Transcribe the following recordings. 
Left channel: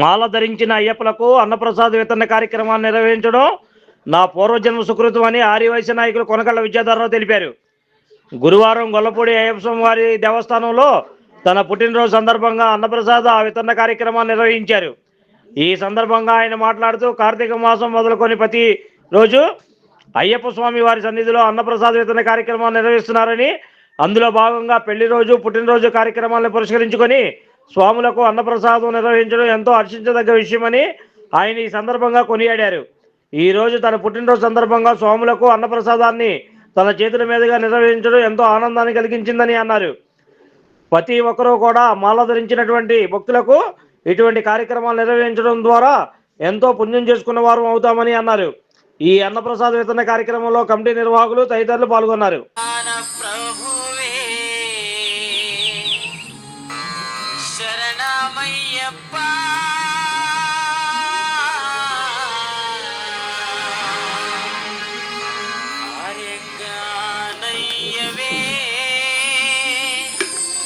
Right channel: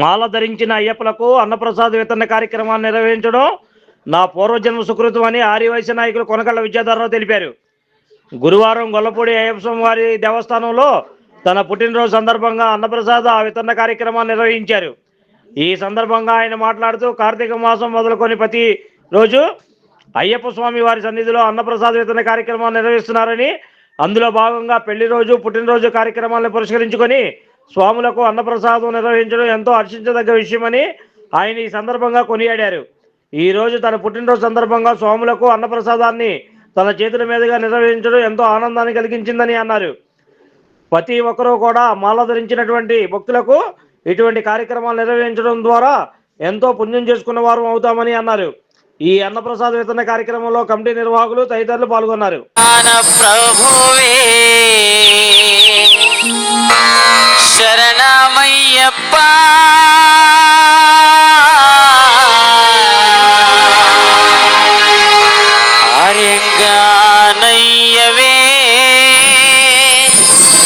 మాల ధరించిన అయ్యప్పలకు అన్నప్రసాద వితరణ కార్యక్రమాన్ని నిర్వహించడం నా పూర్వజన్మ సుకృతం అని ఆర్యవైశ్య నాయకులు కొనకళ్ళ విద్యాధరరావు తెలిపారు. గురువారం గొల్లపూడి అయ్యప్ప స్వామి వారి దేవస్థానంలో తన పుట్టినరోజు సందర్భంగా అన్నప్రసాద వితరణ కార్యక్రమాన్ని నిర్వహించారు. ఈ సందర్భంగా ఆయన మాట్లాడుతూ కార్తీక మాసం మొదలుకొని ప్రతి రోజు అయ్యప్ప స్వామి వారి సన్నిధిలో అన్నప్రసాద వితరణ కార్యక్రమాన్ని నిర్వహిస్తున్నారని, అందులో భాగంగా పెళ్లి రోజు పుట్టినరోజు కార్యక్రమాలను పురస్కరించుకొని స్వాములకు అన్నప్రసాదం నిర్వహించడం ఎంతో హర్షించదగ్గ విషయమని ఆయన ఈ సందర్భంగా కొనియాడారు. ఈరోజు తన పుట్టినరోజు సందర్భంగా స్వాములకు అన్నప్రసాదాన్ని తన చేతుల మీదుగా నిర్వహించడం ఎంతో ఆనందాన్ని కలిగించిందని అన్నారు. ప్రతి ఒక్కరూ కూడా మాల ధరించినటువంటి భక్తులకు ఇటువంటి కార్యక్రమాలు నిర్వహించడం ద్వారా ఎంతో పుణ్యం చేసుకున్న వారు అవుతామని అన్నారు. ఈ అన్నప్రసాద వితరణ కార్యక్రమంలో కమిటీ నిర్వాహకులు తదితరులు పాల్గొన్నారు. శరణమయ్యప్ప ఆర్యంగానయ్యవే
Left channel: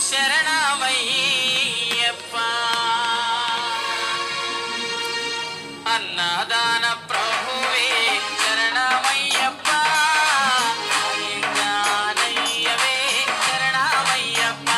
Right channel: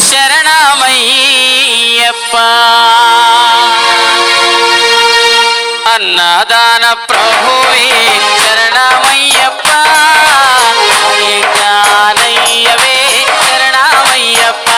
శరణమయ్యప్ప అన్నదాన ప్రభువే శరణమయ్యప్ప ఆర్యంగానయ్యవే శరణమయ్యప్ప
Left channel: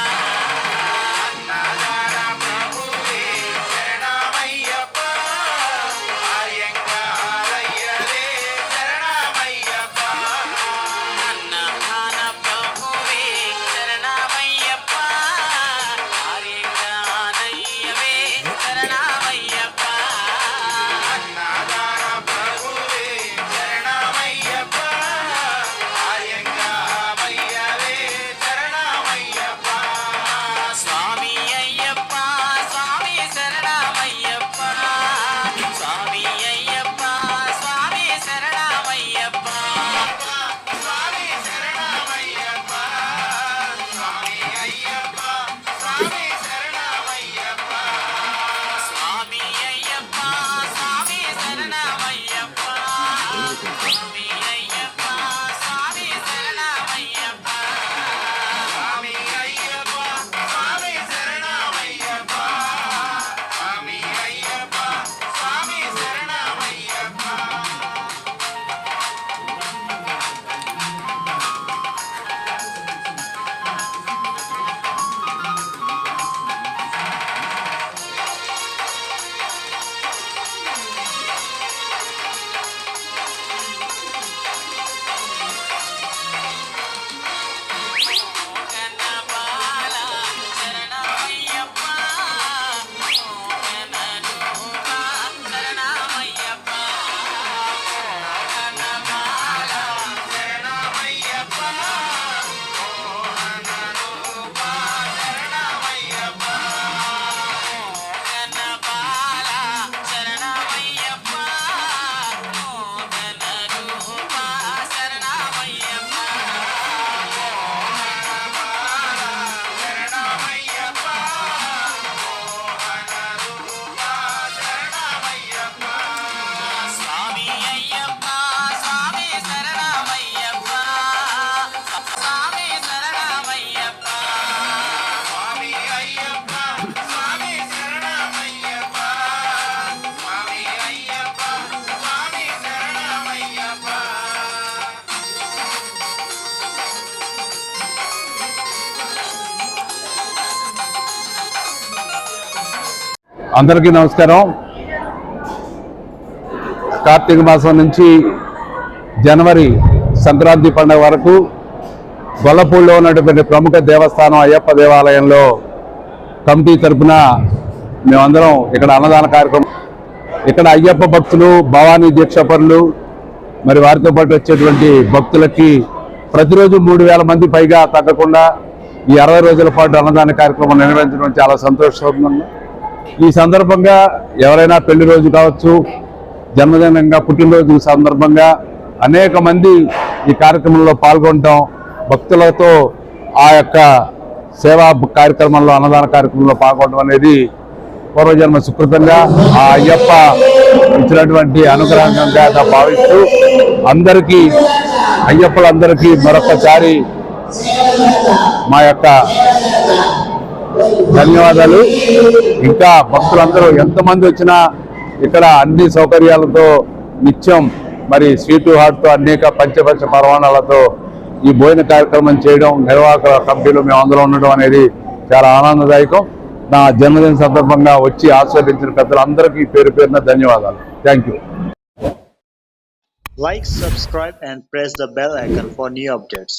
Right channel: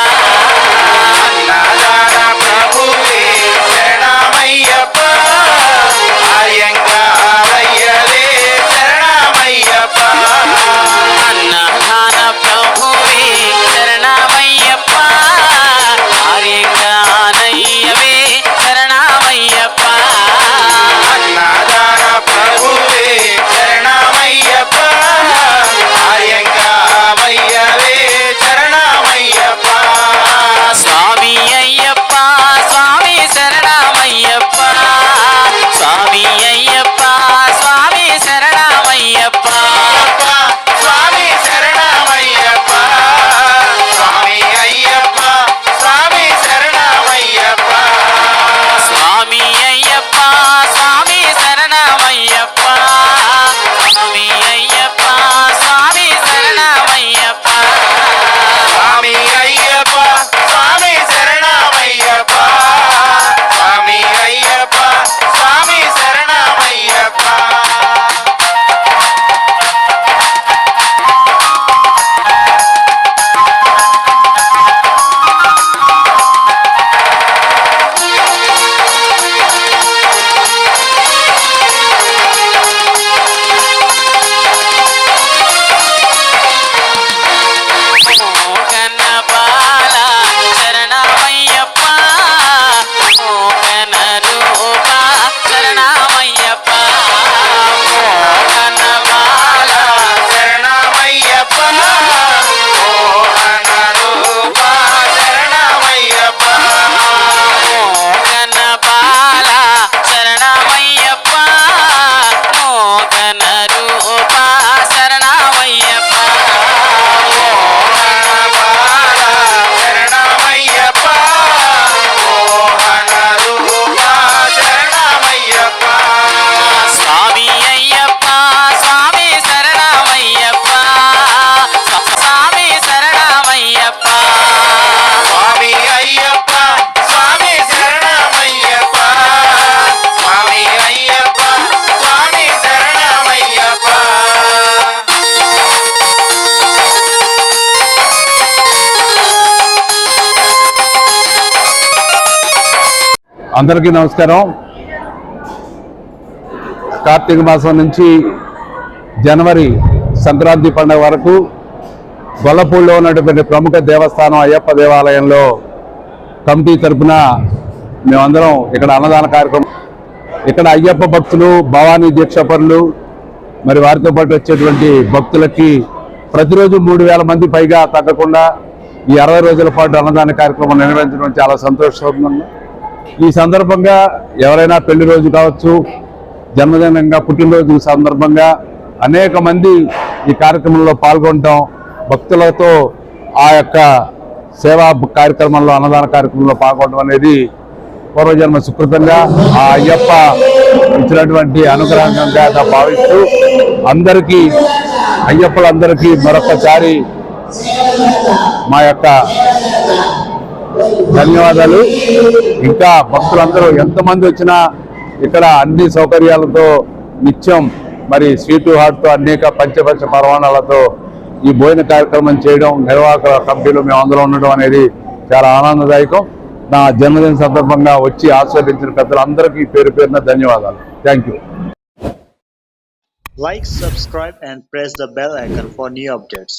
అందరికీ నమస్కారం. కార్తీక మాసం నుంచి జనవరి సంక్రాంతి పండుగ వరకు గొల్లపూడిలో ఉన్నటువంటి ప్రముఖ దేవస్థానం అయ్యప్ప దేవాలయంలో కమిటీ తరఫున మేమందరం ఇక్కడ అన్నదాన కార్యక్రమం, ఇక్కడ అయ్యప్ప భక్తులు, భవానీ దీక్షపరులు, మరి వారితో పాటు వచ్చేటువంటి భక్తులకి ప్రతిరోజు 3000 మంది పైగా తగ్గకుండా ఈ 60 రోజుల పాటు అన్నదాన కార్యక్రమం నిర్వహించడం చాలా సంతోషంగా. ఈ సందర్భంగా ఎవరైనా పెళ్లి రోజు కావచ్చు, జన్మదినంగా పుట్టినరోజు సందర్భంగా అనేక మంది ఈ కార్యక్రమంలో పాల్గొనటం, భక్తులతో ఆ యొక్క సేవా కార్యక్రమంలో అన్నదాన కార్యక్రమంలో పాల్గొనడం అనేది పూర్వజన్మ సుకృతంగా ఆ అయ్యప్ప ఇచ్చినటువంటి అనుగ్రహంగా భావిస్తూ అందరికీ అయ్యప్పలందరికీ మరొకసారి మా యొక్క ధన్యవాదాలు. ఇంకా భక్తులందరూ ఎంతమంది వచ్చినా ఇక్కడ అన్ని సౌకర్యాలతో నిత్యం మరి స్వీటు హాట్తో అనేక పంచపంచ పరమాణాలతో ఈ భోజన కార్యక్రమం చేయడం, నిర్వాహక కమిటీలో మేము అందరూ ఉండడం అనేది చాలా ఆనందదాయకం. నా జన్మదిన సందర్భంగా వచ్చి ఆస్వాదించిన పెద్దలందరికీ పేరు పేరున ధన్యవాదాలు. Thank you. Like, subscribe and press the bell icon for new updates.